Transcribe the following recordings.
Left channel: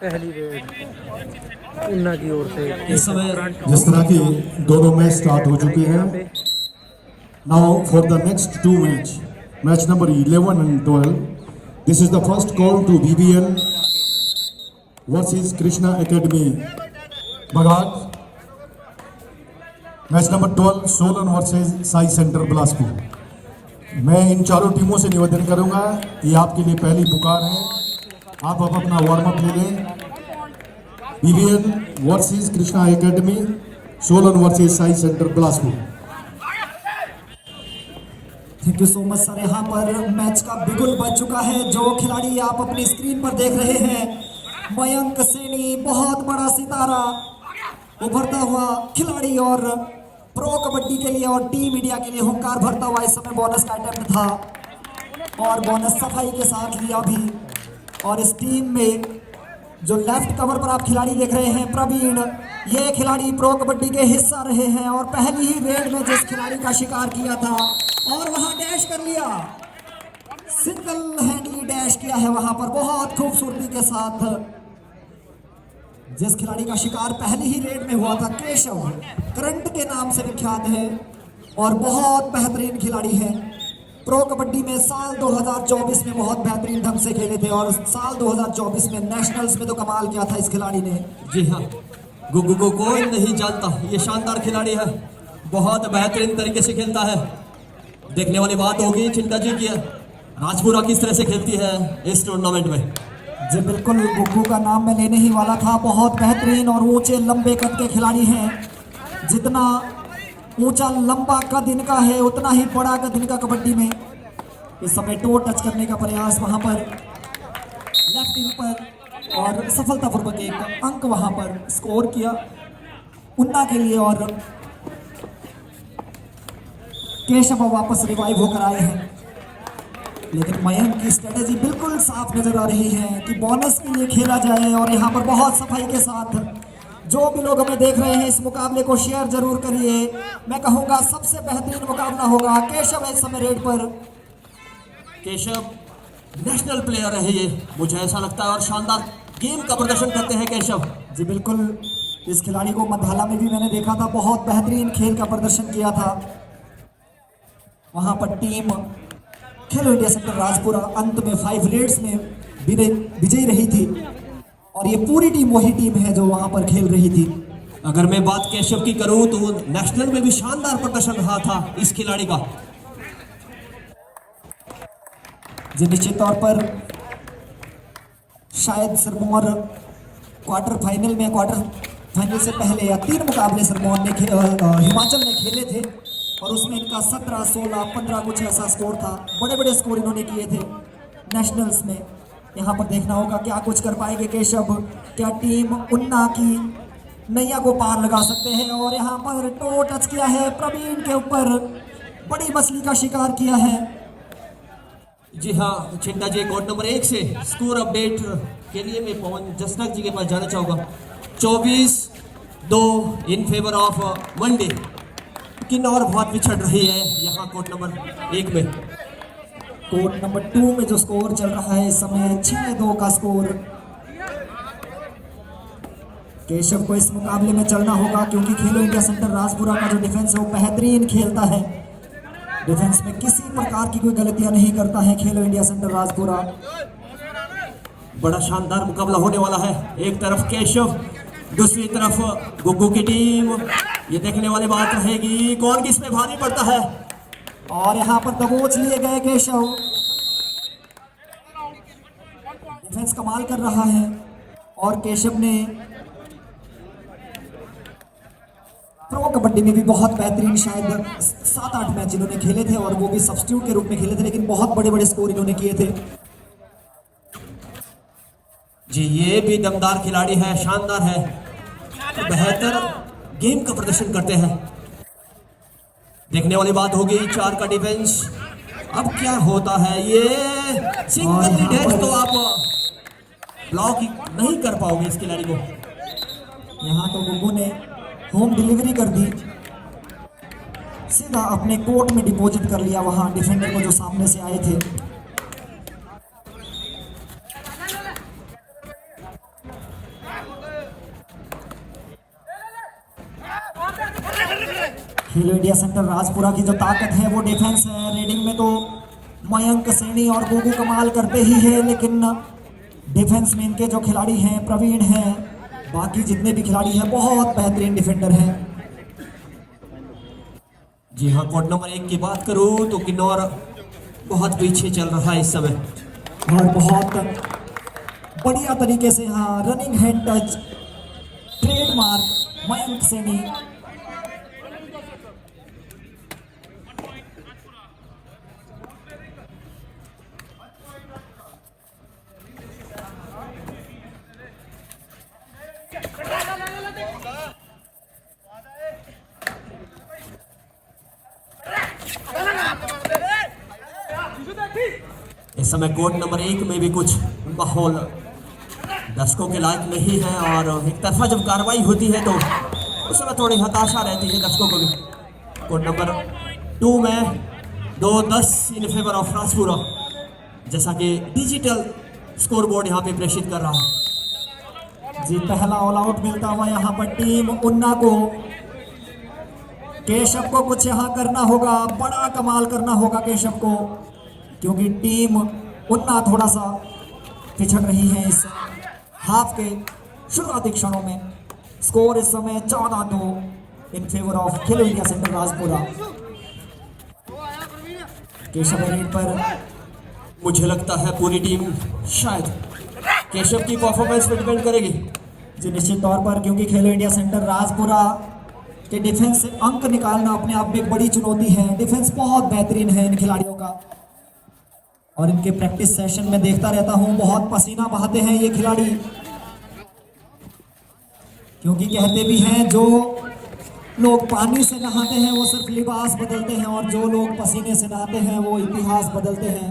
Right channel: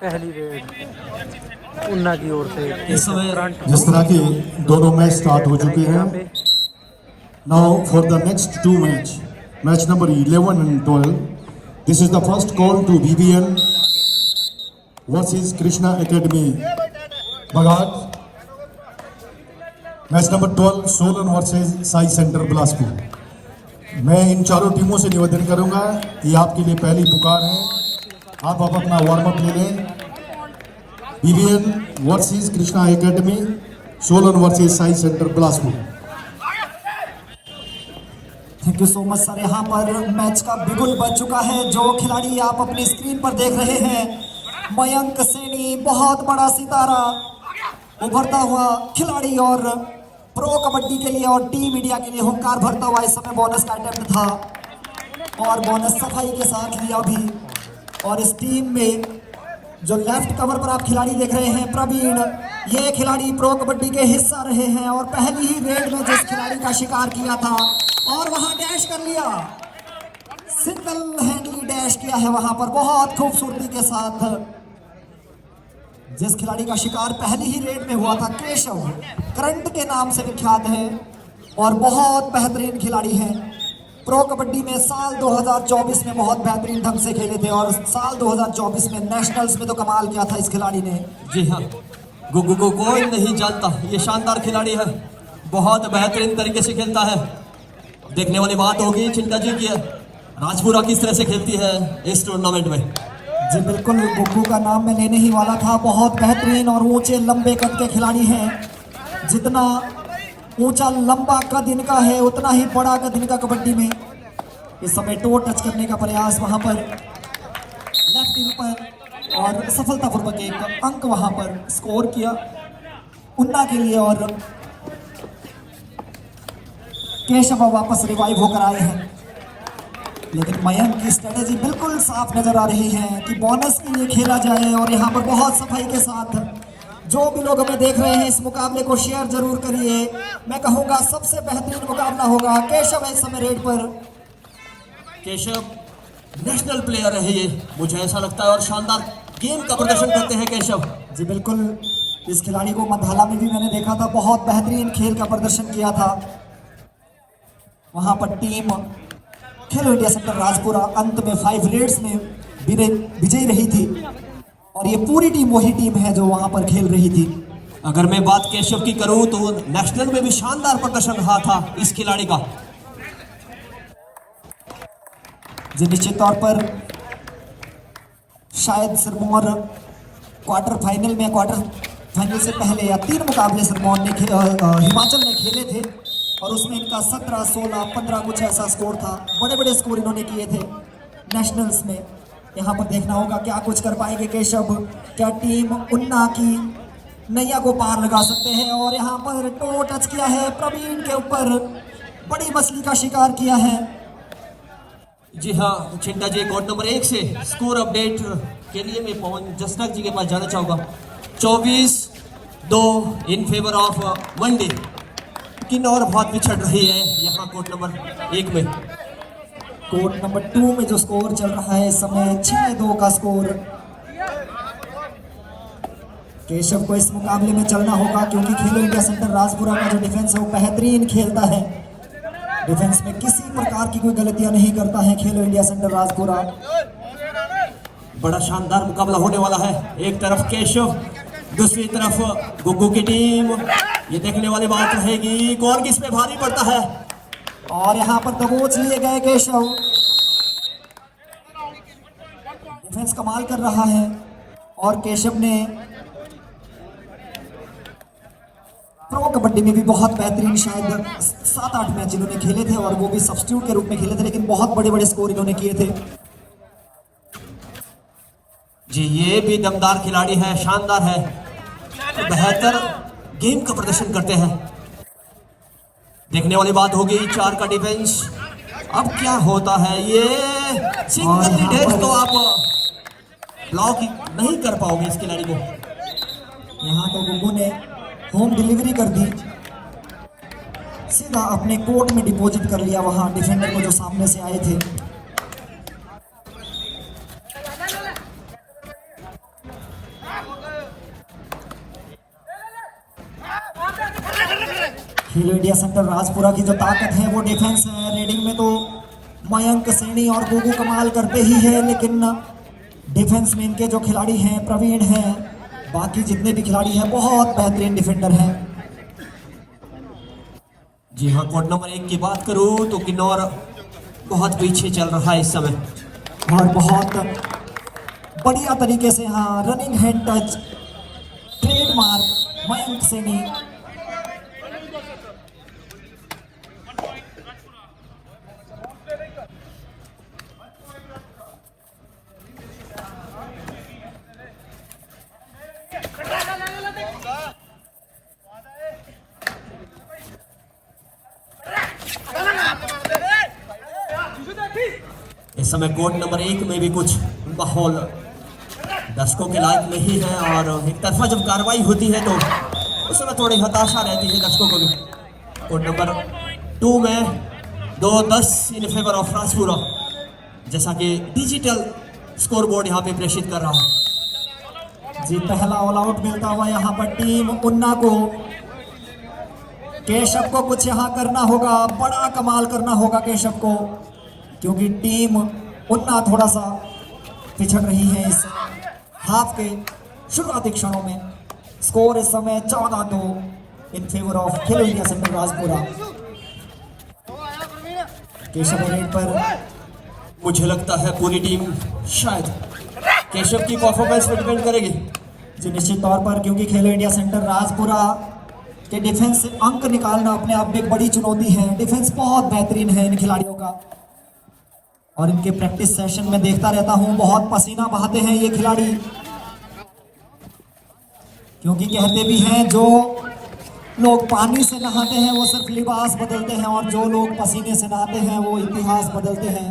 पहली रेड उन्ना की ओर से। इस समय जिस तरह के दोनों मैच स्टार्ट हो चुके हैं, now for the next two match number 11 and 12, this is the first call to BBN versus Krishna academy बगात। Match number 12 Solan versus Sai centre Bilaspur. मैं इन चारों टीमों से निवेदन करूंगा, ये आपके लिए पहली पुकार है, आप अपना वार्म अप ले लें। BBN versus Krishna academy, Solan versus Sai centre Bilaspur. Thank you so much sir. यहाँ पर मैच का बिगुल बज चुका है। जो खिलाड़ी आप अपनी स्क्रीन पर देख रहे हैं, मयंक सैनी, बहुत बड़ा सितारा, उभरता हुआ खिलाड़ी और प्रो कबड्डी के लिए और टीम इंडिया के लिए हुंकार भरता हुआ इस समय बोनस का अटेम्प्ट था और बोनस सफाई के साथ लिया भी। और इस टीम में जो लेफ्ट कवर पर आप खिलाड़ी देख रहे हैं, प्रवीण, ये खिलाड़ी प्रो कबड्डी के हिस्सा रहे हैं और पहली ही रेड में जिस खिलाड़ी का शिकार किया था और वहां डैश कर लिया, सिंगल हैंडली डैश किया है वहां पर बहुत खूबसूरती के साथ। जिस खिलाड़ी का शिकार पहली ही रेड में हुआ था, केशव, करंट के नाम से विख्यात है और बहुत बेहतरीन खिलाड़ी है। प्रो कबड्डी में साल 2024 में बहुत बेहतरीन ढंग से खेले थे और साल 2024 में नेशनल्स में तो कमाल किया था इस खिलाड़ी ने। जी हाँ, गुग्गू को कोई नहीं जानता, ये शानदार खिलाड़ी है, बहुत बेहतरीन तरीके से खेलता है। देखने वाली बात होगी चिंता जी की राजपुरा किस तरह से खेलती है इस टूर्नामेंट में। जी बिल्कुल, गुग्गू का नाम मैं लेने ही वाला था। बहुत बेहतरीन और ऊंचे लंबे कद के खिलाड़ी हैं। जितना ऊंचा लंबा कद इनका है, उतना ही बड़ा कद इनका कबड्डी में। इस समय टो टच करने का प्रयास वहां पर लेफ्ट टीम पर और सफलतापूर्वक एक अंक वहां पर स्कोर किया उन्ना के लिए। और केशव वापस रिवाइव होकर आए हैं, लेकिन मयंक की स्ट्रेटेजी बिल्कुल साफ नजर आ रही है कि बोनस के लिए खेला जाए। और यहाँ पर बहुत सफाई के साथ जो भी लोग हमें देख रहे हैं, इस मुकाबले को शेयर जरूर करिए। मैं कहूंगा सबसे बेहतरीन मुकाबला होगा। केशव इस समय रेड पर, केशव नेशनल प्लेयर है ये, मुझे ऐसा लगता है, और शानदार गेम का प्रदर्शन करते हैं केशव। जी बिल्कुल, इस खिलाड़ी को मंधाला में भी मैंने देखा था, बहुत बेहतरीन खेल का प्रदर्शन किया था। वहां पर टीम खेलो इंडिया सेंटर राजपुरा अंत में 5 रेड्स में विजयी रही थी और ये पूरी टीम वही टीम है जो वहां पर खेल रही थी। अगर मैं बात केशव की करूं तो नेशनल में भी शानदार प्रदर्शन रहा था इस खिलाड़ी का। जी निश्चित तौर पर शायद सिरमौर क्वार्टर फाइनल से पहले या 3 मुकाबले सिरमौर ने हिमाचल ने खेले थे और उसमें इनका 17, 16, 15 कुछ ऐसा स्कोर था। बड़े बड़े स्कोर इन्होंने किए थे नेशनल्स में। यहाँ पर देखना होगा क्या कुछ कर पाएंगे केशव, क्या टीम उन्ना की नैया को पार लगा सकते हैं। और यहाँ पर टो टच किया है, प्रवीण के ऊपर बड़ी मछली का शिकार किया है। जी हाँ चिंटा जी, कोड नंबर 1 से स्कोर अपडेट के लिए मैं पवन जसनाक जी के पास जाना चाहूँगा। 24-2 इन फेवर ऑफ वनडे। लेकिन और बहुत पिछड़ रही है यहाँ कोड नंबर 1 में। कोड नंबर 2 में जो स्कोर चल रहा है इस समय 6-2 का स्कोर। केशव को इस मुकाबले में चलना होगा क्योंकि खेलो इंडिया सेंटर राजपुरा का जो डिफेंस है वो बेहतरीन खेलता है। डिफेंस में किसी प्रकार की कोई गलतियां नहीं करता है खेलो इंडिया सेंटर राजपुरा। बड़ा शानदार मुकाबला होने वाला है। एक तरफ केशव, दूसरी तरफ गुग्गू की टीम। ये देखने वाली बात रहेगी कौन किस पे भारी पड़ता है। और यहाँ पर दबोच लिए गए केशव। डिफेंस कमाल कर रहा है और केशव ने प्रो कबड्डी में भी बहुत बेहतरीन शायद 7-8 मैच इन्होंने खेले थे और वो भी सब्स्टिट्यूट के रूप में खेले थे, लेकिन बहुत बड़े बड़े स्कोर इन्होंने किए थे। जी ये भी दमदार खिलाड़ी है, शानदार है, बेहतर गेम का प्रदर्शन करते हैं। देखने वाली बात होगी 4 का डिफेंस। अब क्या होता है, ये सिंगल डैश तो आप ब्लॉक नहीं कर पाओगे इस खिलाड़ी को। यहाँ तो गुग्गू ने होम डिलीवरी कर दी, सीधा अपने कोर्ट में डिपॉजिट कर लिया वहां डिफेंडर को जो सामने से आए थे। खेलो इंडिया सेंटर राजपुरा की जो ताकत है वो डिफेंस है। रीडिंग में तो मयंक सैनी और गुगू कमाल करते ही है, लेकिन डिफेंस में इनके जो खिलाड़ी हैं प्रवीण हैं, बाकी जितने भी खिलाड़ी हैं बहुत बेहतरीन डिफेंडर हैं। जी हाँ, कोड नंबर 1 की बात करूं तो किन्नौर बहुत पीछे चल रहा है इस समय और बहुत बढ़िया तरीके से हाँ running hand touch trademark Mayank Saini. इस समय कोड नंबर 1 में भी कुछ माहौल दर्शकों के लायक नहीं है और एक तरफा जब कार्रवाई होती है तो उस समय थोड़ी हताशा रहती है दर्शकों को भी। कोड नंबर 2 में 2-10 इन फेवर ऑफ राजपुरा, जैसा कि डिजिटल स्कोर बोर्ड यहाँ पे प्रेषित कर रहा है। जी पहला ऑल आउट मिलता हुआ यहाँ पर टीम उन्ना को। केशव को कुछ यहाँ करना होगा, बड़ा कमाल करना होगा केशव को, क्योंकि टीम उन्ना थोड़ा सा पिछड़ रही है इस हाफ के शुरुआती क्षणों में। स्कोर इस समय 14-2 इन favour of Khelo India centre Rajpura. Keshav पर मुझे लगता है पूरी टीम शायद केशव की परफॉर्मेंस पर डिपेंड करेगी। जी निश्चित तौर पर, क्योंकि खेलो इंडिया सेंटर राजपुरा के डिफेंस से अंक निकालना अपने आप में एक बड़ी चुनौती है। डिफेंस बहुत बेहतरीन है इन खिलाड़ियों का और इनके प्रैक्टिस सेशन में देखता रहता हूं बहुत पसीना बहाते हैं ये खिलाड़ी, क्योंकि कहते भी हैं जो लोग पानी से नहाते हैं वो सिर्फ लिबास बदलते हैं और जो लोग पसीने से नहाते हैं वो इतिहास बदलते हैं।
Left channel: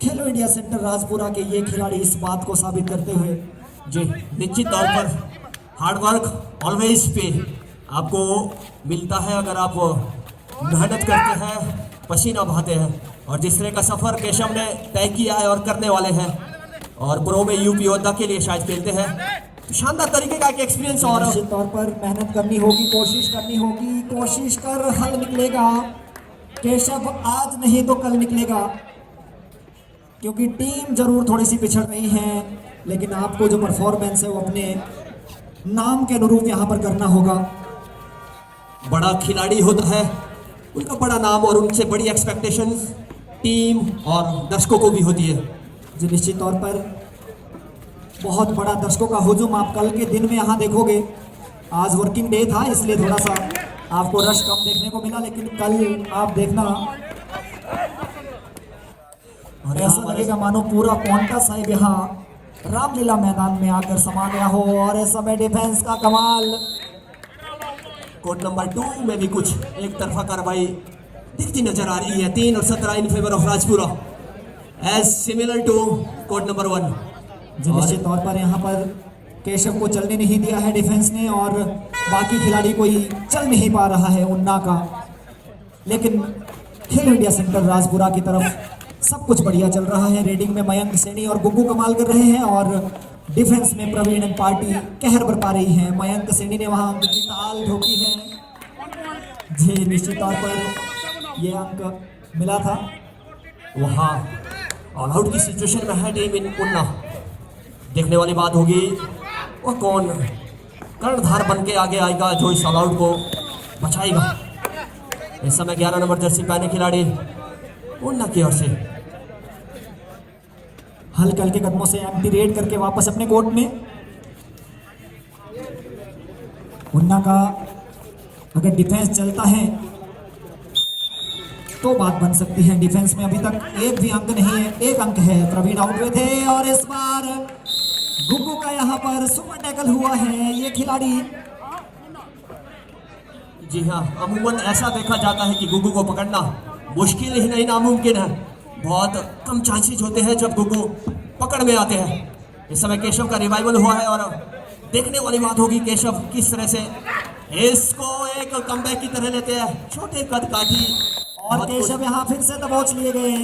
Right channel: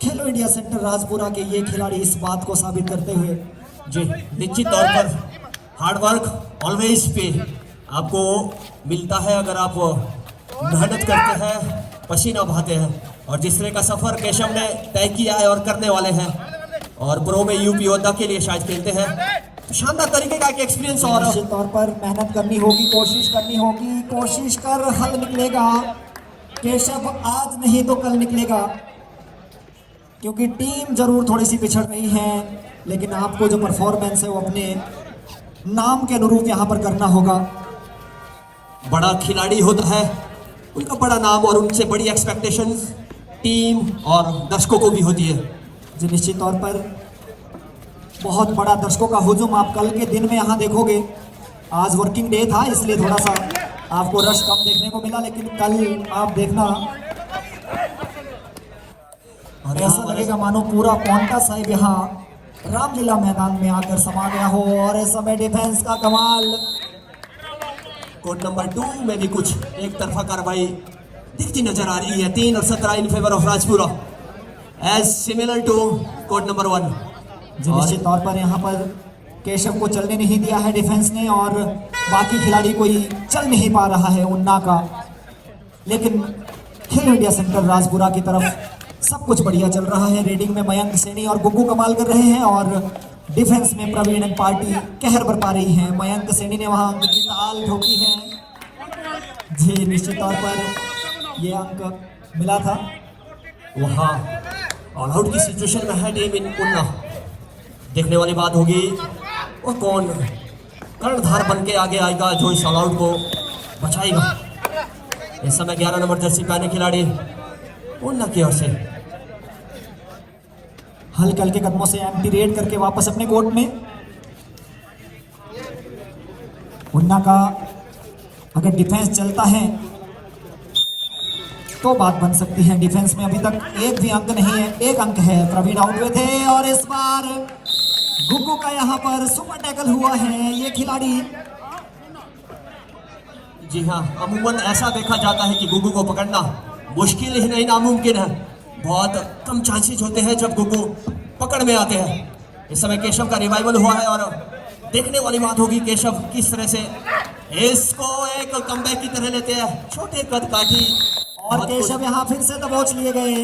खेलो इंडिया सेंटर राजपुरा के ये खिलाड़ी इस बात को साबित करते हुए जी निश्चित तौर पर हार्ड वर्क ऑलवेज पे आपको मिलता है अगर आप मेहनत करते हैं, पसीना बहाते हैं। और जिस तरह का सफर केशव ने तय किया है और करने वाले हैं और प्रो में यूपी योद्धा के लिए शायद खेलते हैं, तो शानदार तरीके का एक एक्सपीरियंस और निश्चित तौर पर मेहनत करनी होगी, कोशिश करनी होगी, कोशिश कर हल निकलेगा। केशव आज नहीं तो कल निकलेगा, क्योंकि टीम जरूर थोड़ी सी पिछड़ रही है, लेकिन आपको जो परफॉर्मेंस है वो अपने नाम के अनुरूप यहाँ पर करना होगा। बड़ा खिलाड़ी होता है, उनका बड़ा नाम और उनसे बड़ी एक्सपेक्टेशंस टीम और दर्शकों को भी होती है। जी निश्चित तौर पर बहुत बड़ा दर्शकों का हुजूम आप कल के दिन में यहाँ देखोगे। आज वर्किंग डे था इसलिए थोड़ा सा आपको रश कम देखने को मिला, लेकिन कल आप देखना और ऐसा लगेगा मानो पूरा पौंटा साहिब यहाँ रामलीला मैदान में आकर समा गया हो। और इस समय डिफेंस का कमाल। कोड नंबर 2 में भी कुछ एक तरफा कार्रवाई दिखती नजर आ रही है। 3 और 17 in favour of Rajpura as similar to code number 1। जो निश्चित तौर पर यहाँ पर केशव को चलने नहीं दिया है डिफेंस ने और बाकी खिलाड़ी कोई चल नहीं पा रहा है उन्ना का, लेकिन खेलो इंडिया सेंटर राजपुरा की तरफ सब कुछ बढ़िया चल रहा है। रीडिंग में मयंक सैनी और गुग्गू कमाल कर रहे हैं और डिफेंस में प्रवीण एंड पार्टी कहर बरपा रही है। मयंक सैनी ने वहां अंक की ताल ठोकी है। जी निश्चित तौर पर ये अंक मिला था। वहाँ ऑल आउट की सिचुएशन में है टीम इन उन्ना। देखने वाली बात होगी वो कौन कर्णधार बन के आगे आएगा जो इस ऑल आउट को बचाएगा। इस समय 11 नंबर जर्सी पहने खिलाड़ी उन्ना की ओर से हल्के हल्के कदमों से एम्प्टी रेड करके वापस अपने कोर्ट में। उन्ना का अगर डिफेंस चलता है तो बात बन सकती है। डिफेंस में अभी तक एक भी अंक नहीं है, एक अंक है। प्रवीण आउट हुए थे और इस बार गुग्गू का यहाँ पर सुपर टैकल हुआ है। ये खिलाड़ी जी हाँ, अमूमन ऐसा देखा जाता है कि गुग्गू को पकड़ना मुश्किल ही नहीं नामुमकिन है। बहुत कम चांसेस होते हैं जब गुग्गू पकड़ में आते हैं। इस समय केशव का रिवाइवल हुआ है और देखने वाली बात होगी केशव किस तरह से इसको एक कमबैक की तरह लेते हैं। छोटे कद काफी और केशव यहाँ फिर से दबोच लिए गए।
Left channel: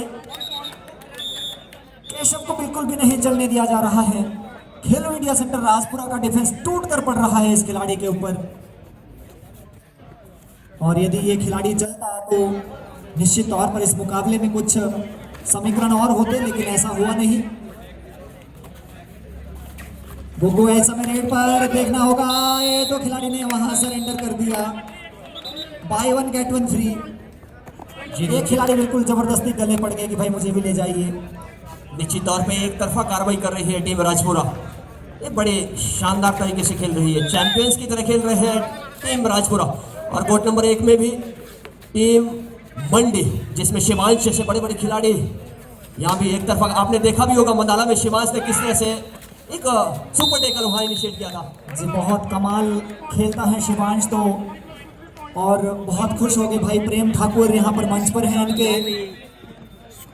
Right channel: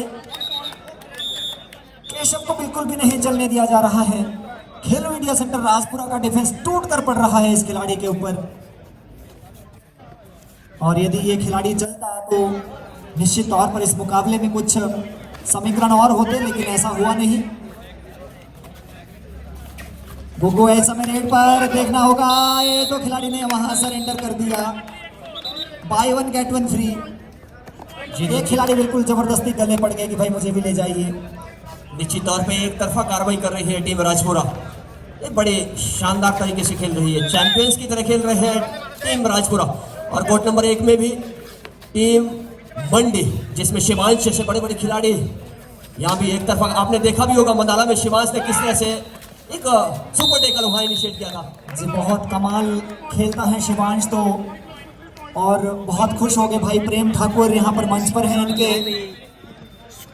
केशव को बिल्कुल भी नहीं चलने दिया जा रहा है। खेलो इंडिया सेंटर राजपुरा का डिफेंस टूट कर पड़ रहा है इस खिलाड़ी के ऊपर। और यदि ये खिलाड़ी चलता तो निश्चित तौर पर इस मुकाबले में कुछ समीकरण और होते, लेकिन ऐसा हुआ नहीं। गुग्गू इस समय रेड पर देखना होगा, ये तो खिलाड़ी ने वहां सरेंडर कर दिया। By one get one free. ये खिलाड़ी बिल्कुल जबरदस्ती गले पड़ गए कि भाई मुझे भी ले जाइए। निश्चित तौर पे एक तरफा कार्रवाई कर रही है टीम राजपुरा। ये बड़े शानदार तरीके से खेल रही है, चैंपियंस की तरह खेल रहे हैं टीम राजपुरा। और कोर्ट नंबर 1 में भी टीम मंडी, जिसमें शिवांश जैसे बड़े बड़े खिलाड़ी, यहाँ भी एक तरफा। आपने देखा भी होगा मंडाला में शिवांश ने किस तरह से एक सुपर टेकल वहां इनिशिएट किया था। जी बहुत कमाल खेलता है शिवांश तो, और बहुत खुश हो गए भाई प्रेम ठाकुर यहाँ पर मंच पर हैं। इनके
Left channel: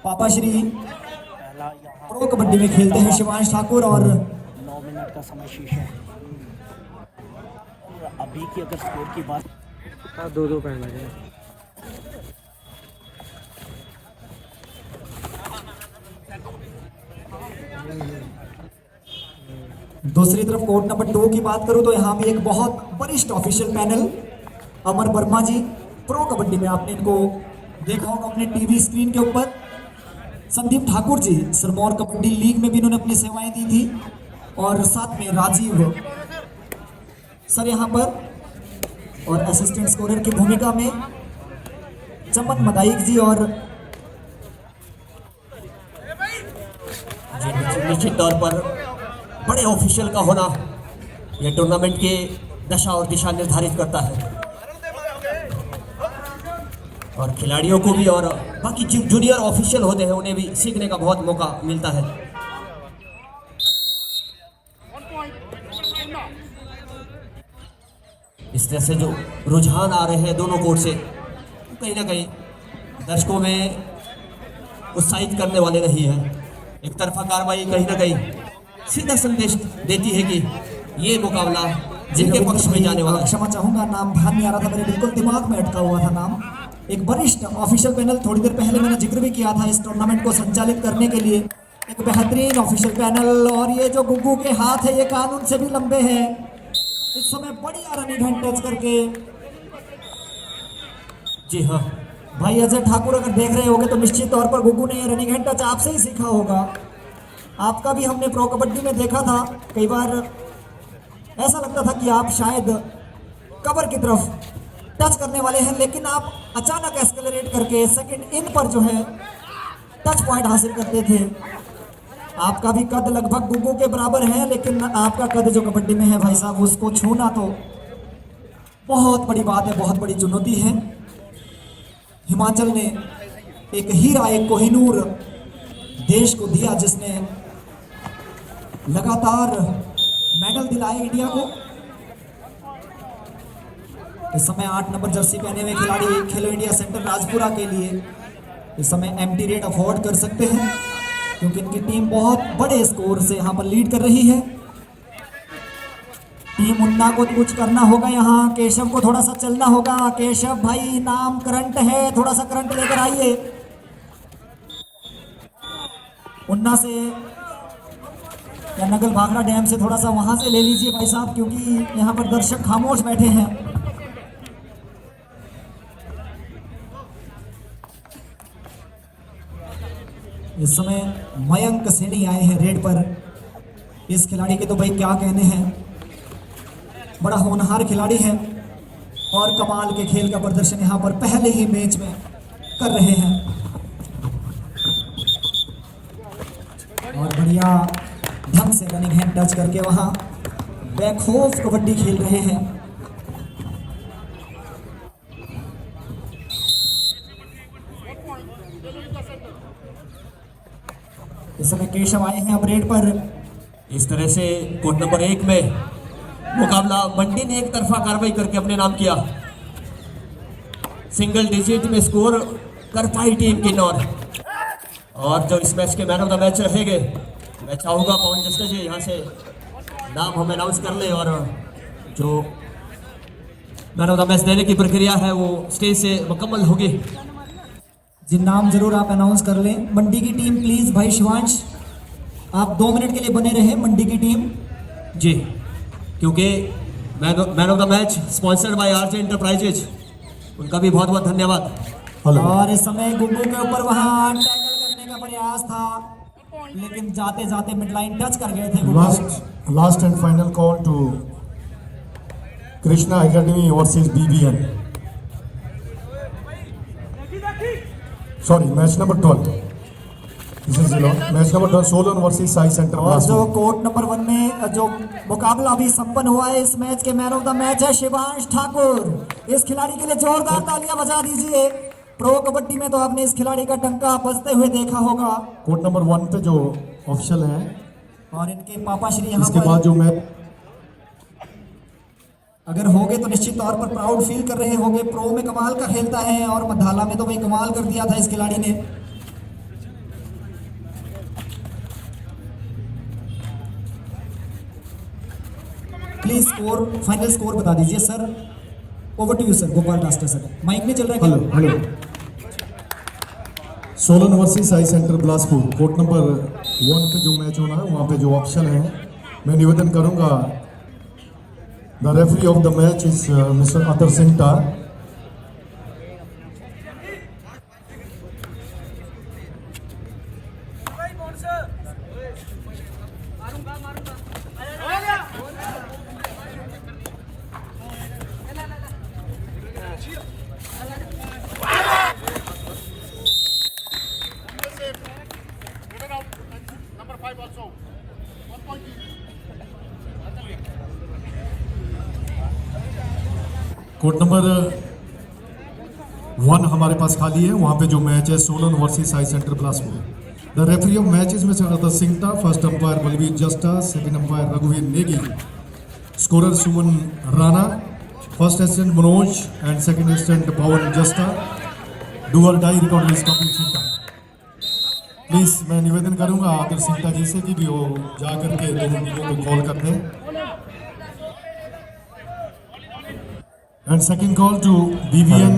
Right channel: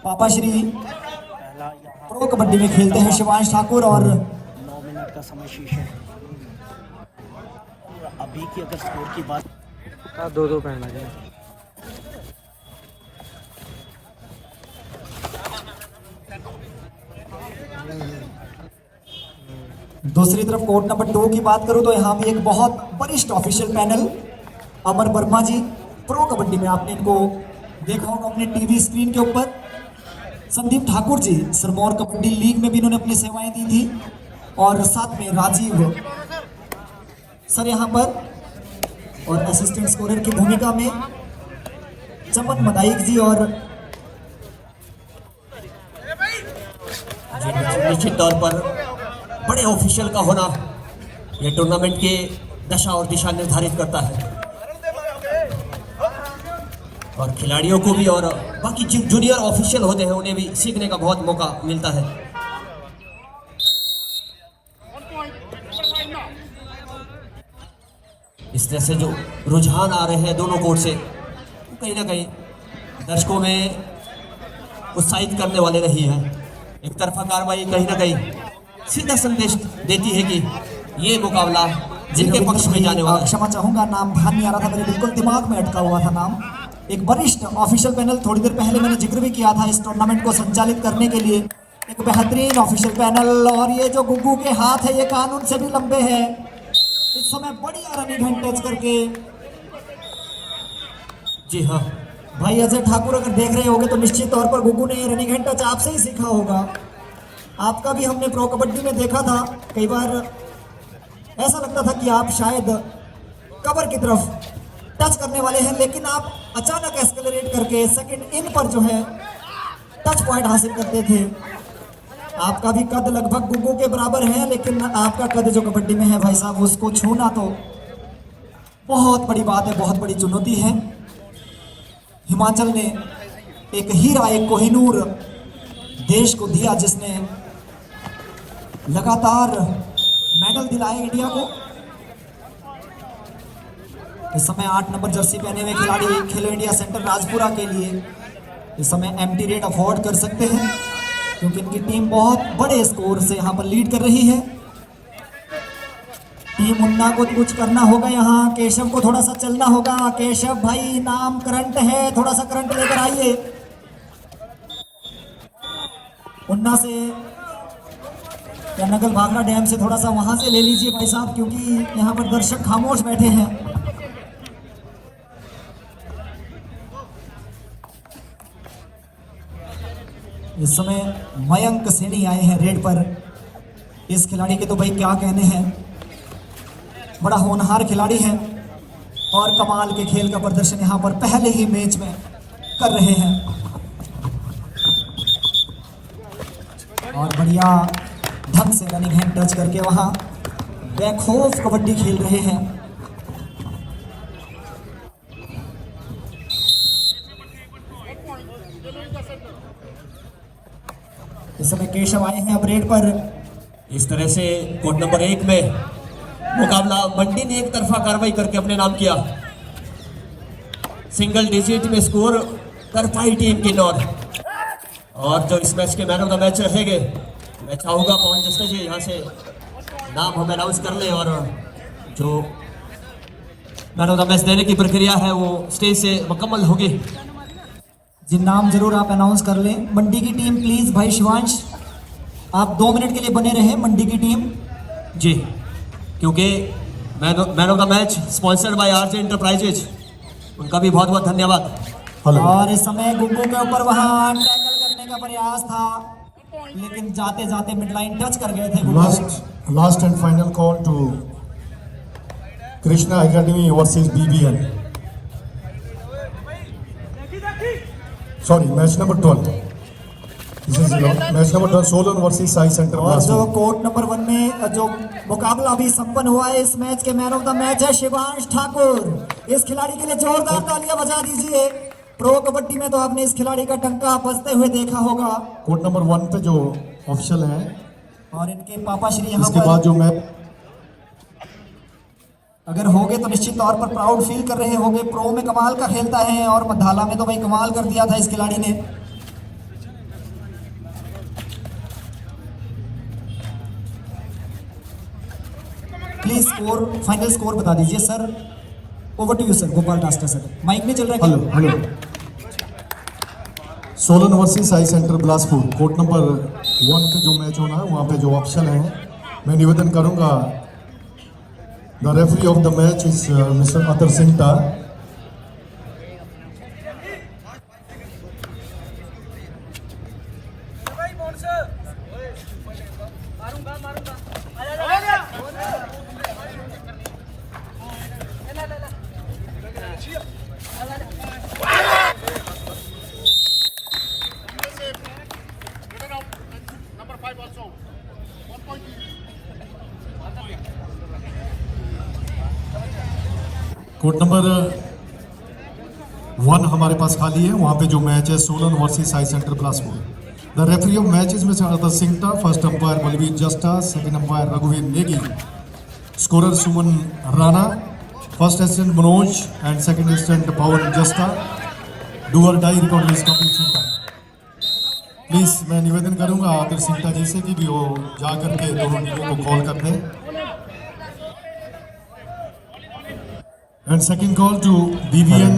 पापा श्री प्रो कबड्डी में खेलते हैं शिवांश ठाकुर। और 9 मिनट का समय शेष है। अभी की अगर स्कोर की बात, हाँ 2-2 पहना है। दूसरी तरफ कोर्ट नंबर 2 की बात करूं तो यहाँ भी एक बहुत वरिष्ठ ऑफिशियल पैनल, अमर वर्मा जी, प्रो कबड्डी में आपने इनको देखा होगा अपने टीवी स्क्रीन के ऊपर। संदीप ठाकुर जी सिरमौर कबड्डी लीग में भी इन्होंने अपनी सेवाएं दी थी। और साथ में राजीव सर यहाँ पर, और असिस्टेंट स्कोरर की भूमिका में चमन मदाइक जी। और निश्चित तौर पर बड़े ऑफिशियल का होना यह टूर्नामेंट की दशा और दिशा निर्धारित करता है, और खिलाड़ियों को भी और बाकी जो जूनियर ऑफिशियल होते हैं उन्हें भी सीखने का बहुत मौका मिलता है। इस तरह से जो रुझान आ रहे हैं दोनों कोर्ट से, कहीं ना कहीं दर्शकों में उत्साहित करने वाले नहीं है। एक तरफा कार्रवाई कहीं ना कहीं सीधा संदेश देती है कि ये मुकाबला जिनके पक्ष में जाने वाला है। क्षमा चाहूंगा, नाम ध्यान नहीं आ रहा था, मेरे बिल्कुल दिमाग में अटका हुआ था नाम। एक वरिष्ठ ऑफिशियल पैनल, थोड़ी देर पहले मैंने जिक्र भी किया था इस टूर्नामेंट को संचालित करने के लिए एक बेहतरीन ऑफिशियल पैनल। और ये जो गुग्गू के हाथ है ये कानून से भी लंबे हैं। इस समय बढ़िया रनिंग हैंड टच करके, जी हाँ भाई अजय ठाकुर अगर देख रहे होंगे तो निश्चित तौर पर गुग्गू ने ये रनिंग हैंड टच आपसे ही सीखा होगा। आपका भी हमने प्रो कबड्डी में देखा था, कई बार ऐसा लगता था कि आप शायद कवर की तरफ टच करने वाले हैं, लेकिन आप अचानक एक्सेलरेट करके सेकंड इन पर जो है टच पॉइंट हासिल करते थे। आपका भी कद लगभग गुग्गू के बराबर है, लेकिन आपका कद जो कबड्डी में है भाई साहब, उसको छूना तो बहुत बड़ी बात है, बहुत बड़ी चुनौती है। हिमाचल ने एक हीरा, एक कोहिनूर देश को दिया, जिसने लगातार मेडल दिलाए इंडिया को। इस समय 8 नंबर जर्सी पहने हुए खिलाड़ी खेलो इंडिया सेंटर राजपुरा के लिए इस समय एम्प्टी रेट अफोर्ड कर सकते हैं, क्योंकि इनकी टीम बहुत बड़े स्कोर से यहाँ पर लीड कर रही है। टीम उन्ना को कुछ करना होगा, यहाँ केशव को थोड़ा सा चलना होगा। केशव भाई नाम करंट है, थोड़ा सा करंट लेकर आइए। उन्ना से या नगल भाखड़ा डैम से थोड़ा सा वहां से ले लीजिए भाई साहब, क्योंकि यहाँ पर दर्शक खामोश बैठे हैं। इस समय मयंक सैनी आए हैं रेड पर। इस खिलाड़ी के तो भाई क्या कहने हैं, बड़ा होनहार खिलाड़ी है और कमाल के खेल का प्रदर्शन यहाँ पर पहले ही मैच में कर रहे हैं। और बढ़िया ढंग से रनिंग हैंड टच करके वहां बेखौफ कबड्डी खेल रहे हैं। इस समय केशव आए हैं अब रेड पर। इस तरह से कोर्ट नंबर 1 में मुकाबला मंडी ने एक तरफा कार्रवाई करके अपने नाम किया। सिंगल डिजिट में स्कोर कर पाई टीम की नॉर। और जो इस मैच के मैन ऑफ द मैच रहेंगे, मैं चाहूंगा पवन जस्टर जी यहाँ से नाम हमें अनाउंस कर ले, और जो मैन ऑफ द मैच देने की प्रक्रिया है वो स्टेज से मुकम्मल होगी। जी नाम जरूर आप अनाउंस कर लें। मंडी की टीम प्लीज भाई शिवांश, आप 2 मिनट के लिए बने रहे। मंडी की टीम जी, क्योंकि man of the match sponsored by RJ enterprises, उनका भी बहुत बहुत धन्यवाद। हेलो और इस समय गुग्गू के ऊपर वहां टैकल करने का प्रयास था, लेकिन जाते जाते मिडलाइन टच कर गए थे Guggu. Last and final call to Krishna academy versus BBN। Sorry, match number 12। This is match number 12, Solan versus Sai centre और ब्लास्ट। जो कोर्ट नंबर 1 में जो मुकाबला अभी संपन्न हुआ है, इस मैच के मैन ऑफ द मैच है शिवांश ठाकुर। इस खिलाड़ी के लिए जोरदार तालियां बजा दीजिए। प्रो कबड्डी में तो आपने इस खिलाड़ी का टंका बजते हुए देखा होगा। कोर्ट नंबर 1 पे जो ऑफिशियल है, और इनके पापा श्री यहाँ इसके बाद पर जो मैच अगर होगे तो निश्चित तौर पर प्राउड फील कर रहे होंगे। प्रो में कमाल का खेलता है और मधाला में तो भाई कमाल कर दिया था इस खिलाड़ी ने। प्लीज स्कोर, फाइनल स्कोर बता दीजिए sir. Over to you sir, Gopal डास्टर सर। माइक नहीं चल रहा hello hello, Solan versus Sai centre Bilaspur, court number 1 पे जो मैच होना है वहाँ पे जो ऑप्शन है, मैं निवेदन करूंगा the referee of the match is mister Atar Sinta. Court number 1 हमारे पास खाली है, वहां पे जो मैच है Solan versus Sai centre Bilaspur. The referee of match is mister Atar Sinta, first umpire Balvir Jasta, second umpire रघुवीर Negi, scorer Suman Rana, first assistant Manoj and second assistant Pawan Jasta, डूअर डाई record is Kapil Sinta. Please मैं निवेदन करूंगा अतर सिंटा जी से कि वो जा करके दोनों टीमों को कॉल कर दें। And second call to BBN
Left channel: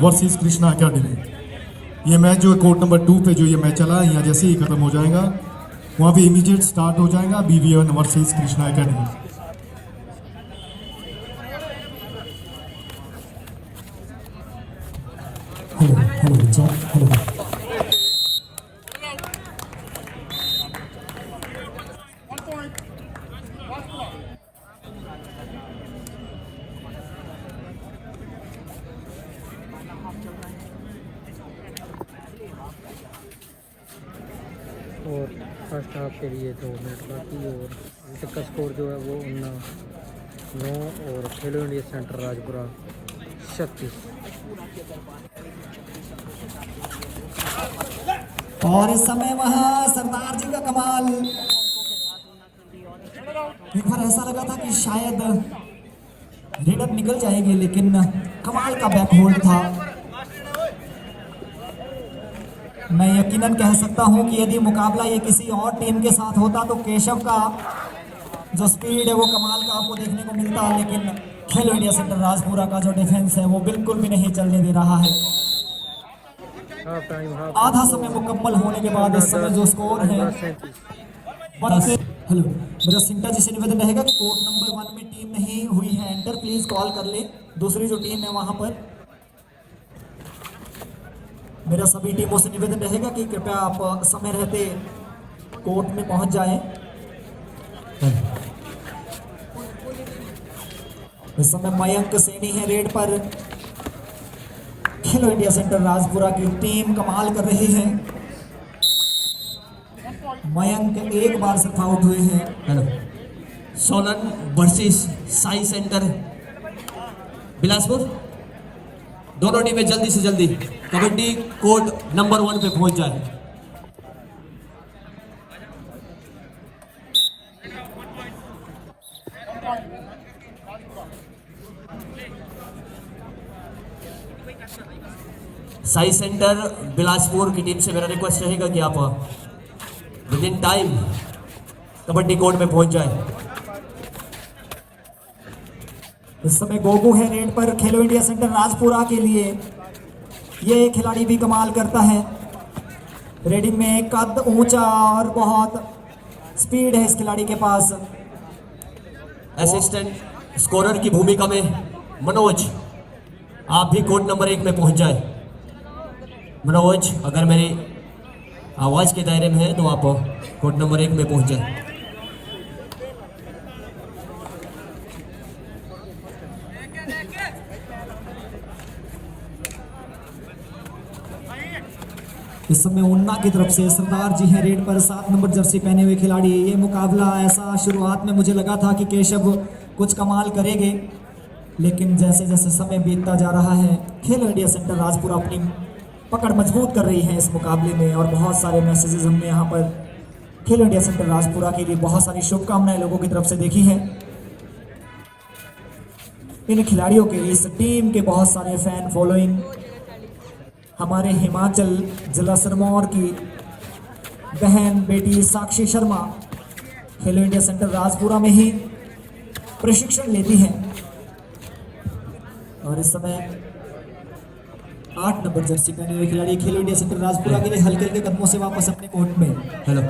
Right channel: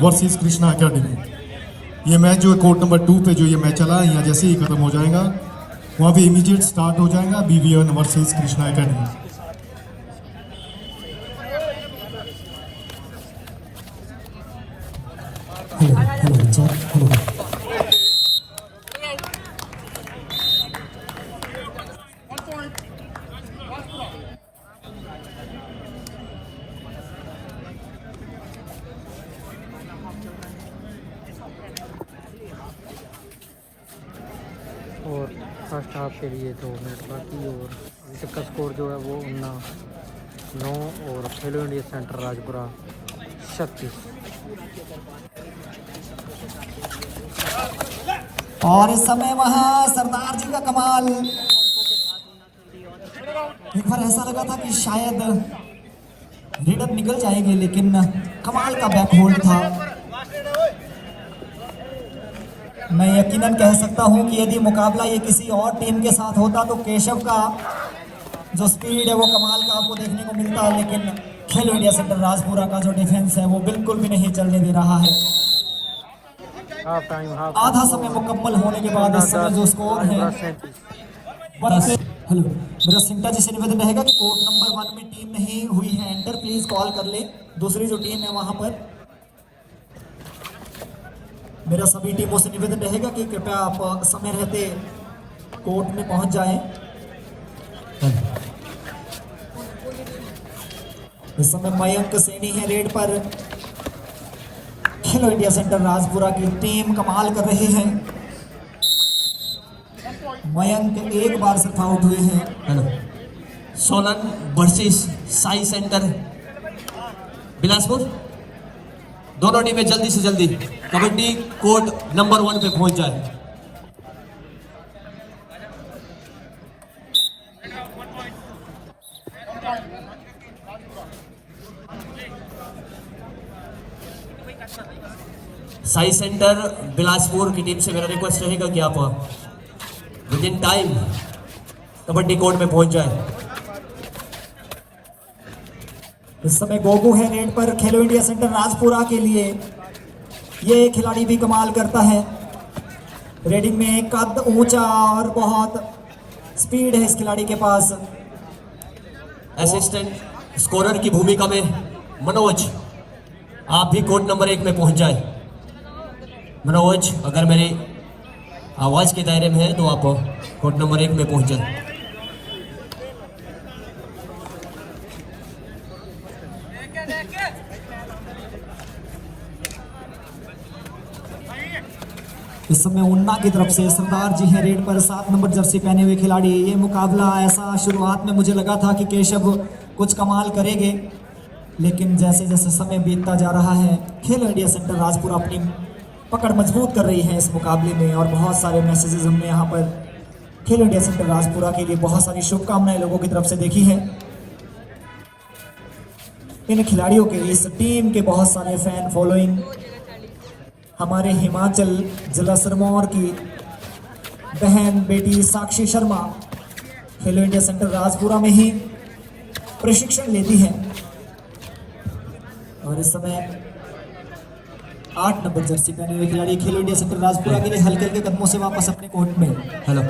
versus Krishna academy. ये मैच जो है कोर्ट नंबर 2 पे जो ये मैच चला है, यहाँ जैसे ही खत्म हो जाएगा वहाँ पे इमीडिएट स्टार्ट हो जाएगा BBN versus Krishna academy. Hello बच्चा, हेलो। और फर्स्ट हाफ के लिए 2 मिनट बाकी, और अभी तक का स्कोर जो है वो 9 और खेलो इंडिया सेंटर राजपुरा 36। और इस समय वहां सरदार जी का कमाल। एक बार ऐसा लगा था कि शायद रेडर निकल जाएंगे, लेकिन कमाल का बैक होल्ड था। मैं यकीनन कह सकता हूं कि यदि मुकाबला ये किसी और टीम के साथ होता तो केशव का जो स्पीड है वो कमाल का आपको देखने को मिलता है, लेकिन खेलो इंडिया सेंटर राजपुरा का जो डिफेंस है वो बिल्कुल भी नहीं चलने दे रहा है। हाफ टाइम, आधा समय मुकम्मल होने के बाद इस समय जो स्कोर है, हेलो, मेरा सिंटा जी से निवेदन रहेगा कि कोर्ट नंबर 1 में टीम नहीं हुई है एंटर, प्लीज कॉल कर ले दूसरी जो टीम है वहां पर। मेरा सभी टीमों से निवेदन रहेगा कि कृपया आप समय रहते कोर्ट में पहुंच जाएं। इस समय मयंक सैनी है रेड पर। खेलो इंडिया सेंटर राजपुरा की टीम कमाल कर रही है। मयंक एक बार सिर्फ आउट हुए हैं। सोलन वर्सेस साई सेंटर बिलासपुर, दोनों टीमें जल्दी से जल्दी कबड्डी कोर्ट नंबर 1 पे पहुंच जाए। साई सेंटर बिलासपुर की टीम से मेरा रिक्वेस्ट रहेगा कि आप with in time kabaddi court में पहुंच जाए। इस समय गोगू है रेड पर खेलो इंडिया सेंटर राजपुरा के लिए। ये खिलाड़ी भी कमाल करता है, रेडिंग में कद ऊंचा और बहुत स्पीड है इस खिलाड़ी के पास। असिस्टेंट स्कोरर की भूमिका में मनोज, आप भी कोर्ट नंबर 1 में पहुंच जाए। मनोज, अगर मेरी आवाज के दायरे में है तो आप कोर्ट नंबर 1 में पहुंच जाए। इस समय उन्ना की तरफ से सरदार जी हैं रेड पर, 7 नंबर जर्सी पहने हुए खिलाड़ी। ये मुकाबला ऐसा शुरुआत में मुझे लगा था कि केशव कुछ कमाल करेंगे, लेकिन जैसे जैसे समय बीतता जा रहा है खेलो इंडिया सेंटर राजपुर अपनी पकड़ मजबूत कर रही है इस मुकाबले में। और बहुत सारे मैसेजेस हमने यहाँ पर खेलो इंडिया सेंटर राजपुरा के लिए बहुत सारी शुभकामनाएं लोगों की तरफ से देखी है। इन खिलाड़ियों के लिए, इस टीम के बहुत सारे फैन फॉलोइंग। हमारे हिमाचल जिला सिरमौर की बहन बेटी साक्षी शर्मा खेलो इंडिया सेंटर राजपुरा में ही प्रशिक्षण लेती है और इस समय 8 नंबर जर्सी पहने हुए खिलाड़ी खेलो इंडिया सेंटर राजपुरा के लिए हल्के हल्के कदमों से वापस अपने कोर्ट में। हेलो,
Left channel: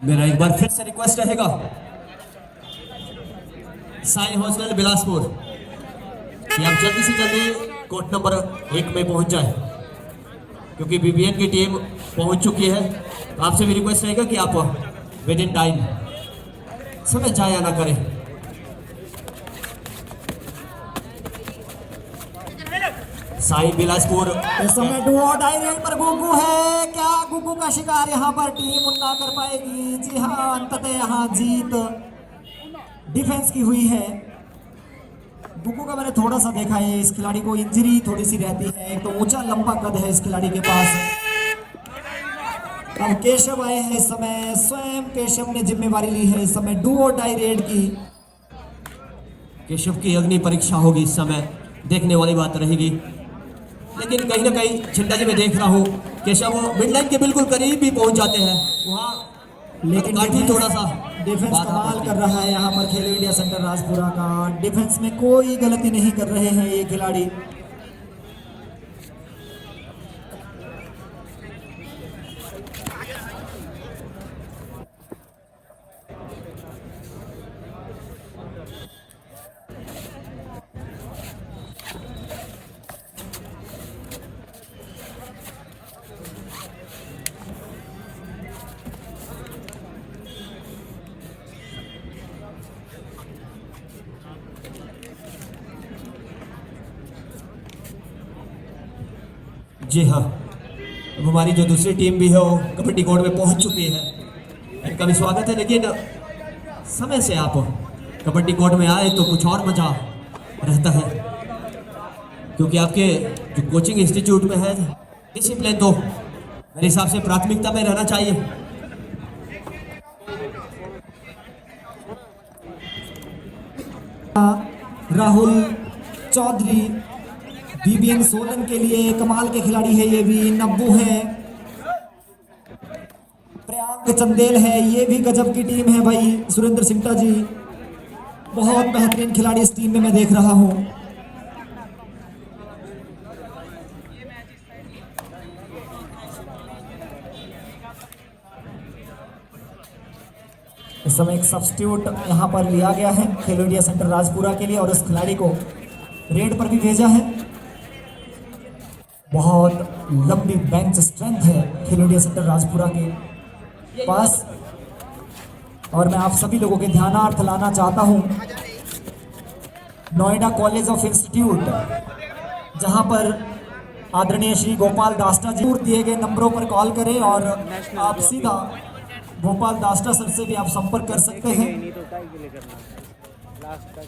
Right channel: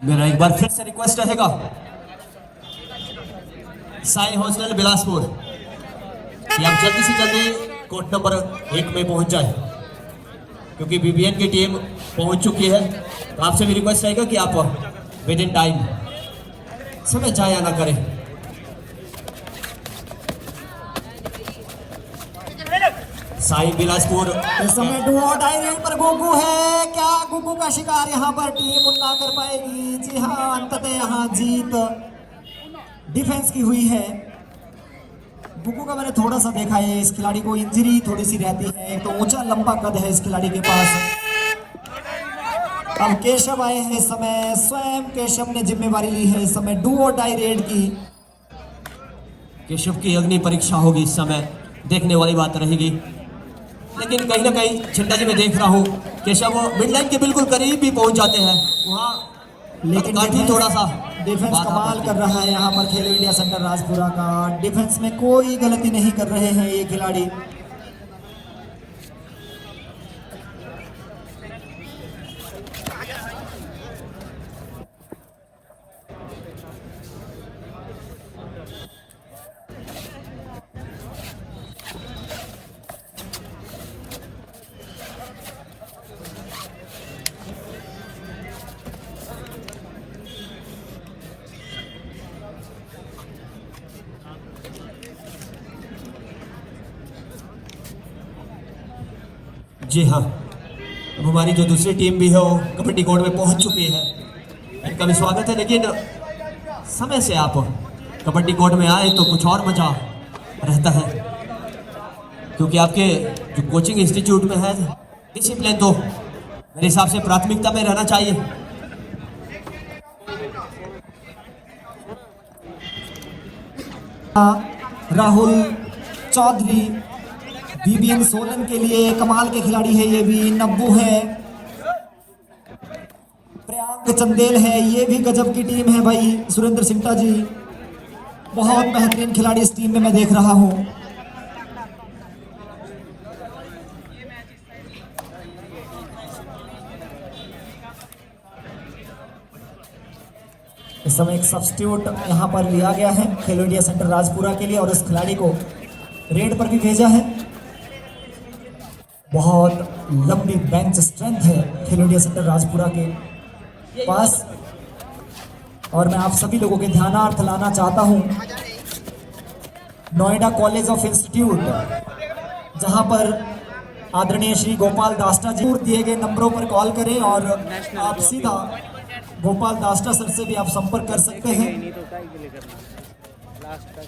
मेरा एक बार फिर से रिक्वेस्ट रहेगा, साई हॉस्टल बिलासपुर, कि आप जल्दी से जल्दी कोर्ट नंबर 1 में पहुंच जाए, क्योंकि बीबीएन की टीम पहुंच चुकी है। तो आपसे भी रिक्वेस्ट रहेगा कि आप विद इन टाइम समय जाया ना करें। साई बिलासपुर इस समय डू और डाई रेड पर गुग्गू है। क्या गुग्गू का शिकार यहाँ पर टीम उन्ना कर पाएगी? जी हाँ, अंततः यहाँ जीत डिफेंस की हुई है। गुग्गू का मैंने थोड़ा सा देखा है, इस खिलाड़ी को इंजरी थोड़ी सी रहती है, एक तो ऊंचा लंबा कद है इस खिलाड़ी के पास। अब केशव आए हैं इस समय, स्वयं केशव ने जिम्मेवारी ली है इस समय डू और डाई रेड की। केशव की अग्नि परीक्षा होगी इस समय, देखने वाली बात रहेगी। लेकिन कहीं ना कहीं झंडा जी मैं देख रहा हूँ केशव मिड लाइन के बिल्कुल करीब भी पहुंच जाते हैं वहाँ, लेकिन काठी थोड़ा सा डिफेंस कमाल कर रहा है यहाँ पर खेलो इंडिया सेंटर राजपुरा का। डिफेंस में कोई गलती नहीं कर रहे हैं ये खिलाड़ी। जी हाँ, अब हमारी जो दूसरी टीम भी है वो कबड्डी कोर्ट में पहुंच चुकी है। इनका भी स्वागत है, लेकिन समय से आप कबड्डी कोर्ट में आए तो कुछ और मजा रहता है, क्योंकि आपके जो कोचिंग इंस्टीट्यूट में है डिसिप्लिन तो मेरे हिसाब से प्राथमिकता में रहना चाहिए। राहुल चौधरी बीबीएन सोलन के लिए कमाल के खिलाड़ी है, ये भी नब्बू है। प्रियांक चंदेल है, ये भी गजब की टीम है भाई। सुरेंद्र सिंगटा जी बहुत बेहतरीन खिलाड़ी इस टीम में मैं देख रहा हूं। इस समय एक सब्स्टिट्यूट यहां पर लिया गया है खेलो इंडिया सेंटर राजपुरा के लिए और उस खिलाड़ी को रेड पर भी भेजा है। बहुत लंबी बेंच स्ट्रेंथ है खेलो इंडिया सेंटर राजपुरा के पास, और मैं आप सभी लोगों के ध्यानार्थ लाना चाहता हूं नोएडा कॉलेज ऑफ इंस्टीट्यूट, जहां पर आदरणीय श्री गोपाल दास्टा जी दिए गए नंबरों पर कॉल करें और आप सीधा गोपाल दास्टा सर से भी आप संपर्क कर सकते हैं।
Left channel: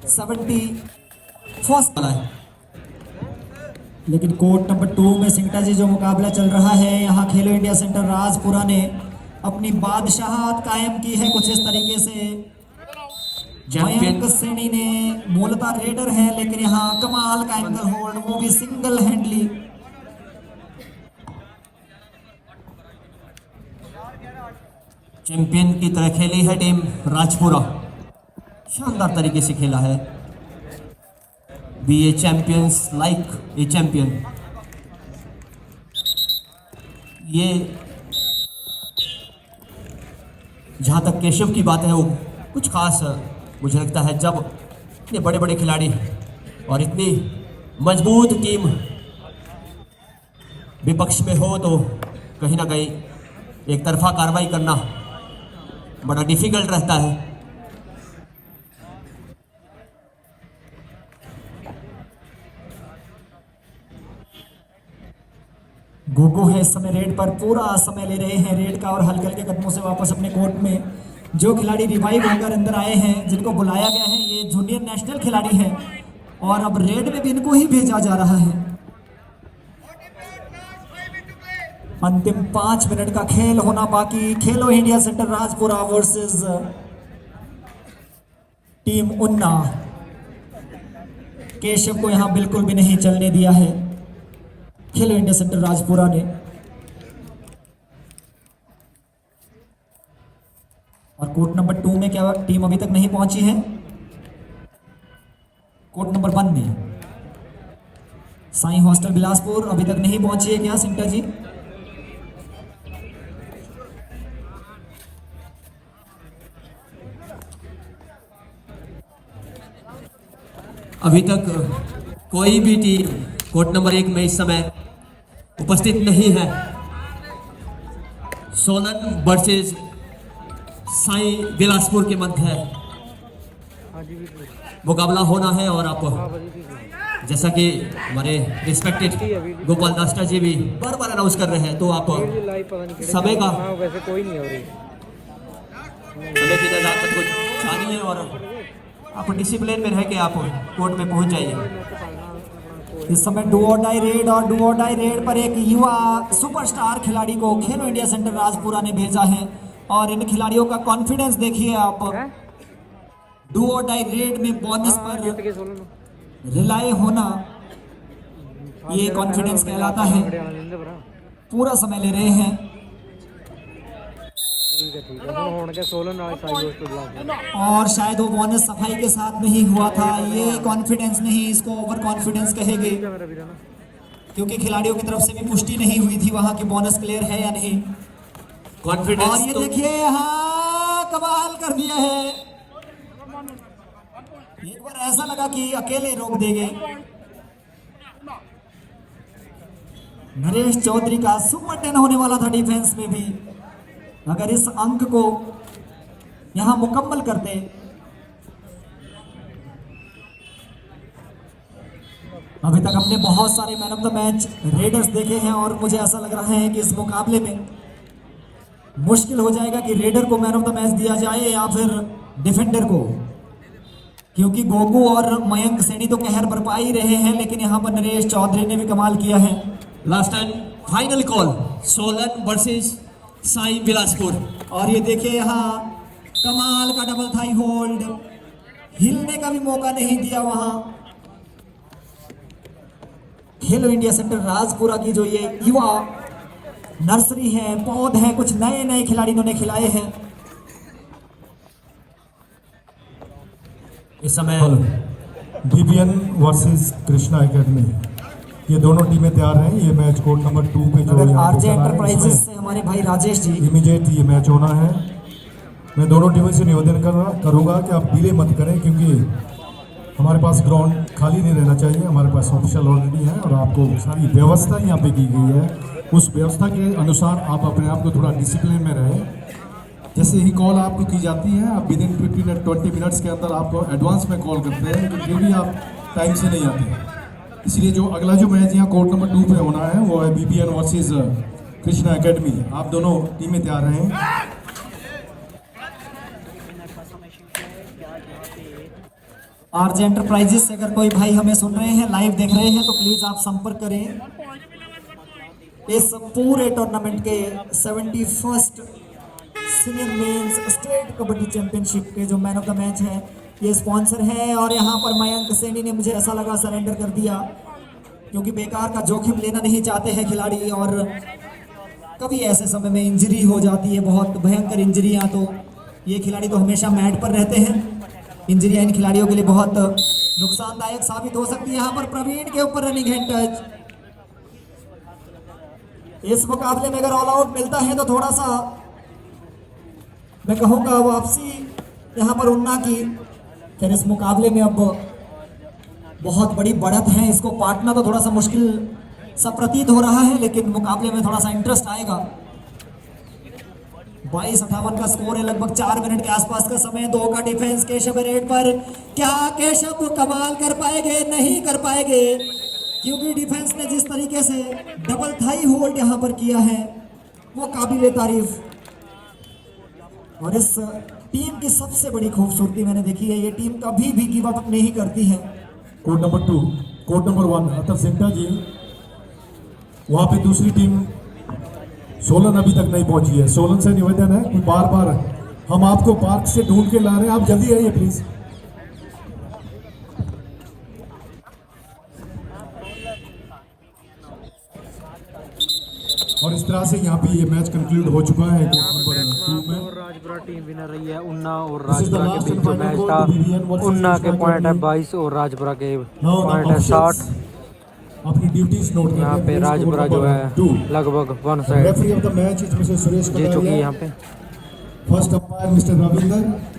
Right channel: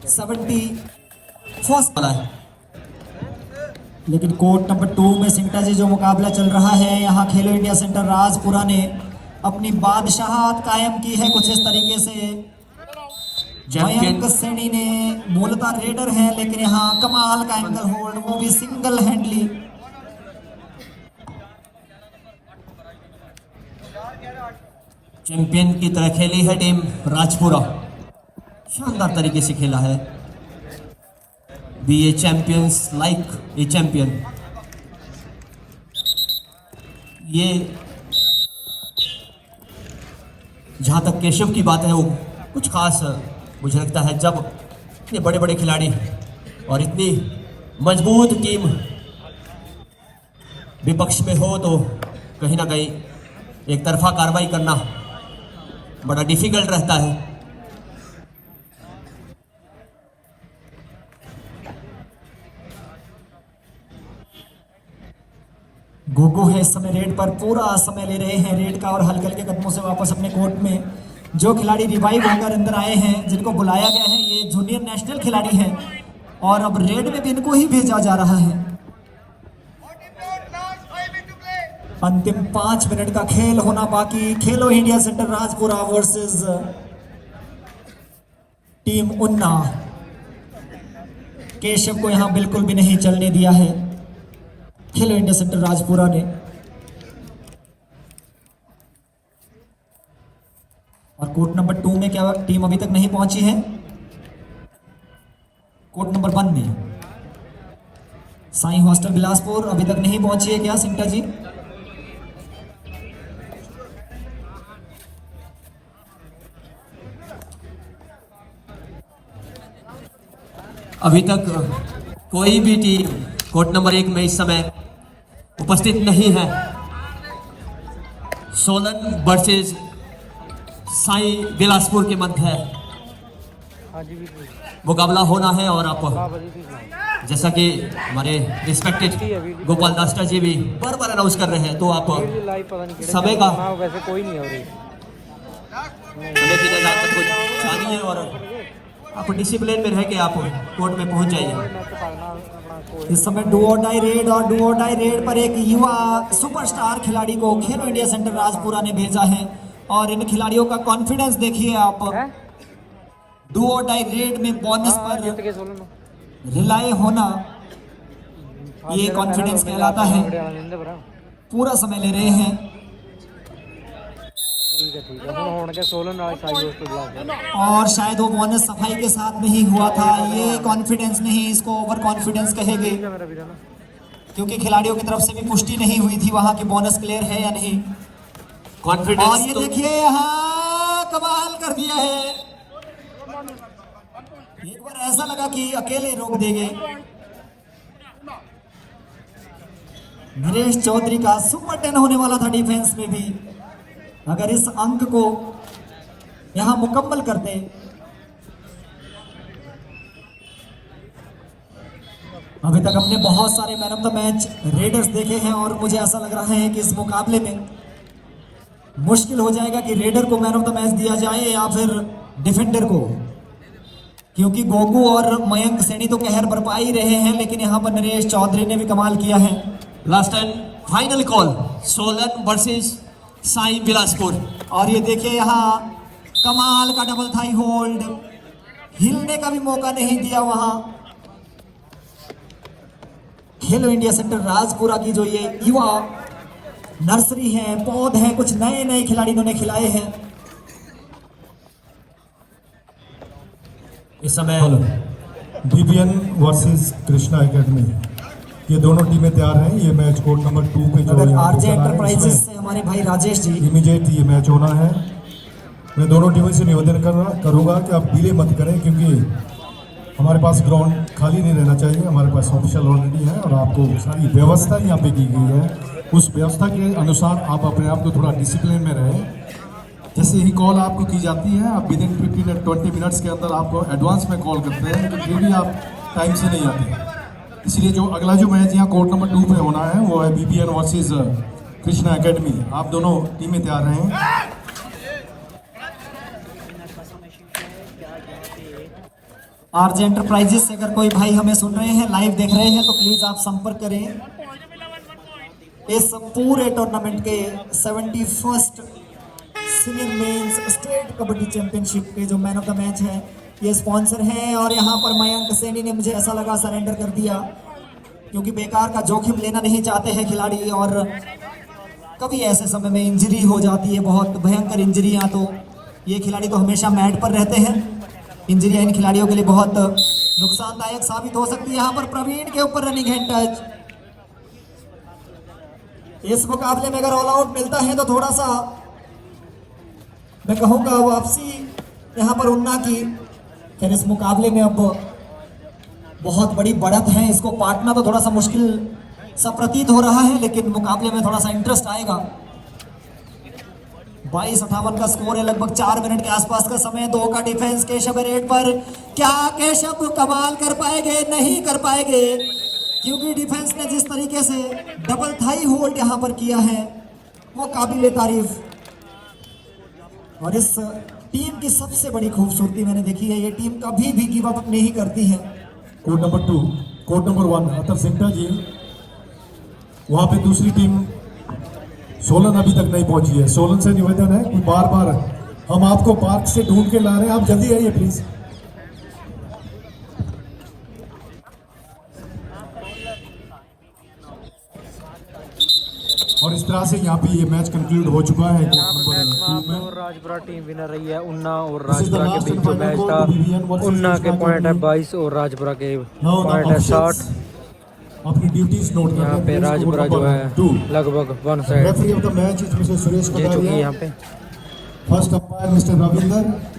71 है। लेकिन कोर्ट नंबर 2 में सिंगटा जी जो मुकाबला चल रहा है, यहाँ खेलो इंडिया सेंटर राजपुरा ने अपनी बादशाहत कायम की है कुछ इस तरीके से। मयंक सैनी ने मूलतः रेडर है, लेकिन यहाँ कमाल का एंगल होल्ड, वो भी सिंगल हैंडली। चैंपियन की तरह खेली है टीम राजपुरा, शानदार तरीके से खेला है। Be a champions like a champion. ये जहां तक केशव की बात है वो कुछ खास मुझे लगता है, जब इतने बड़े बड़े खिलाड़ी और इतनी मजबूत टीम विपक्ष में हो तो कहीं ना कहीं एक तरफा कार्रवाई करना बड़ा डिफिकल्ट रहता है। गोगो है इस समय रेड पर, पूरा समय ले रहे हैं रेड का और हल्के हल्के कदमों से वापस अपने कोर्ट में। जो खिलाड़ी रिवाइव होकर अंदर आए हैं, जिनको बुलाया गया है, ये जूनियर नेशनल खिलाड़ी हैं और अब रेड में भी इनको ही भेजा जा रहा है। अंतिम 5 मिनट का खेल होना बाकी। खेलो India centre Rajpura versus team उन्ना। केशव को यहां बिल्कुल भी नहीं चलने दिया है खेलो इंडिया सेंटर राजपुरा ने। और कोर्ट नंबर 2 में क्या टीम अभी तक नहीं पहुंची है? कोर्ट नंबर 1 में साई हॉस्टल बिलासपुर अभी तक नहीं पहुंची है क्या सिंटा जी? अभी तक कोई भी टीम कोर्ट नंबर 1 में इस समय उपस्थित नहीं है। सोलन वर्सेस साई बिलासपुर के मध्य मुकाबला होना है और आप जैसा कि हमारे रिस्पेक्टेड गोपाल दास्टा जी भी बार बार अनाउंस कर रहे हैं, तो आप समय का वैसे कोई नहीं हो रही है और आप डिसिप्लिन में रह के आप कोर्ट में पहुंच जाइए। इस समय डू और डाई रेड और डू और डाई रेड पर एक युवा सुपरस्टार खिलाड़ी को खेलो इंडिया सेंटर राजपुरा ने भेजा है और इन खिलाड़ियों का कॉन्फिडेंस देखिए आप। डू और डाई रेड में बोनस पर रिलाय होना, ये कॉन्फिडेंस कहलाता है। पूरा समय ले रहे हैं ठीक है ਹੁਣ के सोलन वाले साई दोस्तों बुला और शायद वो बोनस सफाई के साथ नहीं हुआ था। ये कॉन्फिडेंस नहीं, इसको ओवर कॉन्फिडेंस कहेंगे, क्योंकि खिलाड़ियों की तरफ से भी पुष्टि नहीं हुई थी वहां की बोनस क्लियर है या नहीं। कॉन्फिडेंस और ये देखिए यहाँ कमाल कर दिया है। एक बार ऐसा लगा कि अकेले रोक देंगे। नरेश चौधरी का सुपर 10 होने वाला था डिफेंस में भी। अगर इस अंक को यहां मुकम्मल करते, अभी तक हमने बहुत सारे man of the match readers देखे हैं और मुझे ऐसा लग रहा है कि इस मुकाबले में मुश्किल हो जाएगा कि रेडर को मैन ऑफ द मैच दिया जाए या फिर डिफेंडर को, क्योंकि गोगू और मयंक सैनी तो कहर बरपा ही रहे हैं, लेकिन यहां पर नरेश चौधरी ने भी कमाल किया है। Last and final call, Solan versus Sai Bilaspur. और ये देखिए यहाँ कमाल का डबल थाई होल्ड, हिलने का भी मौका नहीं दिया वहां। खेलो इंडिया सेंटर राजपुरा की जो ये युवा नर्सरी है, पौध है, कुछ नए नए खिलाड़ी इन्होंने खिलाए हैं। इस समय डीबीएन वर्सेस कृष्णा एकेडमी, ये दोनों टीमें तैयार हैं। ये मैच कोर्ट नंबर 2 पे जो है आरजे एंटरप्राइजेस से हमारे भाई राजेश जी इमीडिएट ये मैच होना है। मैं दोनों टीमों से निवेदन करूंगा कि आप डिले मत करें, क्योंकि हमारे पास ग्राउंड खाली नहीं रहना चाहिए। हमारे पास ऑफिशियल ऑलरेडी है और आपको सारी व्यवस्था यहाँ पे दी गई है। उस व्यवस्था के अनुसार आप अपने आप को थोड़ा डिसिप्लिन में रहें। जैसे ही कॉल आपको की जाती है, आप विदिन 15 या 20 मिनट्स के अंदर आपको एडवांस में कॉल करते हैं, लेकिन फिर भी आप टाइम से नहीं आते। इसलिए जो अगला जो मैच यहाँ कोर्ट नंबर 2 पे होना है वो है बीबीएन वर्सेस कृष्णा एकेडमी। आप दोनों टीमें तैयार रहें। आरजे एंटरप्राइजेस से अगर कोई भाई हमें सुन रहे हैं, लाइव देख रहे हैं, तो प्लीज आप संपर्क करें। इस पूरे टूर्नामेंट के 71st senior mains state kabaddi championship के जो मैन ऑफ द मैच है, ये स्पॉन्सर है। और यहाँ पर मयंक सैनी ने, मुझे ऐसा लगा, सरेंडर कर दिया, क्योंकि बेकार का जोखिम लेना नहीं चाहते हैं खिलाड़ी। और कभी ऐसे समय में इंजरी हो जाती है, बहुत भयंकर इंजरियां, तो ये खिलाड़ी तो हमेशा मैट पर रहते हैं। इंजरियां इन खिलाड़ियों के लिए बहुत नुकसानदायक साबित हो सकती है। यहाँ पर प्रवीण के ऊपर रनिंग हैंड टच। इस मुकाबले में अगर ऑल आउट मिलता है तो थोड़ा सा मैं कहूँगा वापसी यहाँ पर उन्ना की। फिर इस मुकाबले में अब बहुत बड़ी बढ़त है, इसको पाटना तो थोड़ा सा मुश्किल सा प्रतीत हो रहा है, लेकिन मुकाबले में थोड़ा सा इंटरेस्ट आएगा। 22-58 का स्कोर है, लगभग 4 मिनट के आसपास का समय। 2 का डिफेंस केशव रेड पर। क्या केशव कमाल कर पाएंगे? नहीं कर पाएंगे, क्योंकि डिफेंस ने जिस तरीके से डबल थाई होल्ड यहां पर किया है वो काबिले तारीफ। और इस टीम की सबसे बड़ी खूबसूरती मैंने देखी है, ये टीम कभी भी गिव अप नहीं करती है। कोर्ट नंबर 2, कोर्ट नंबर 1 अतर सेंटर जी, वहां पे दूसरी टीम सोलन अभी तक नहीं पहुंची है। सोलन से निवेदन है कि बार बार हम आपको पार्क से ढूंढ के ला रहे हैं, आप जल्दी आइए प्लीज। और इस तरह से यहाँ पे ये मैच कंक्लूड हो चुका है। यहाँ पे मैच में आप और राजपुरा टीम विनर रही है। उन्ना और राजपुरा के बीच मैच था। उन्ना के पॉइंट है 22 और राजपुरा के पॉइंट है 60। अपनी ड्यूटीज नोट यहाँ पे राजपुरा जो है लगभग 1 side referee of the match is mister Suresh जीत चुकी है। यहाँ पे फर्स्ट अंपायर मिस्टर रविंदर।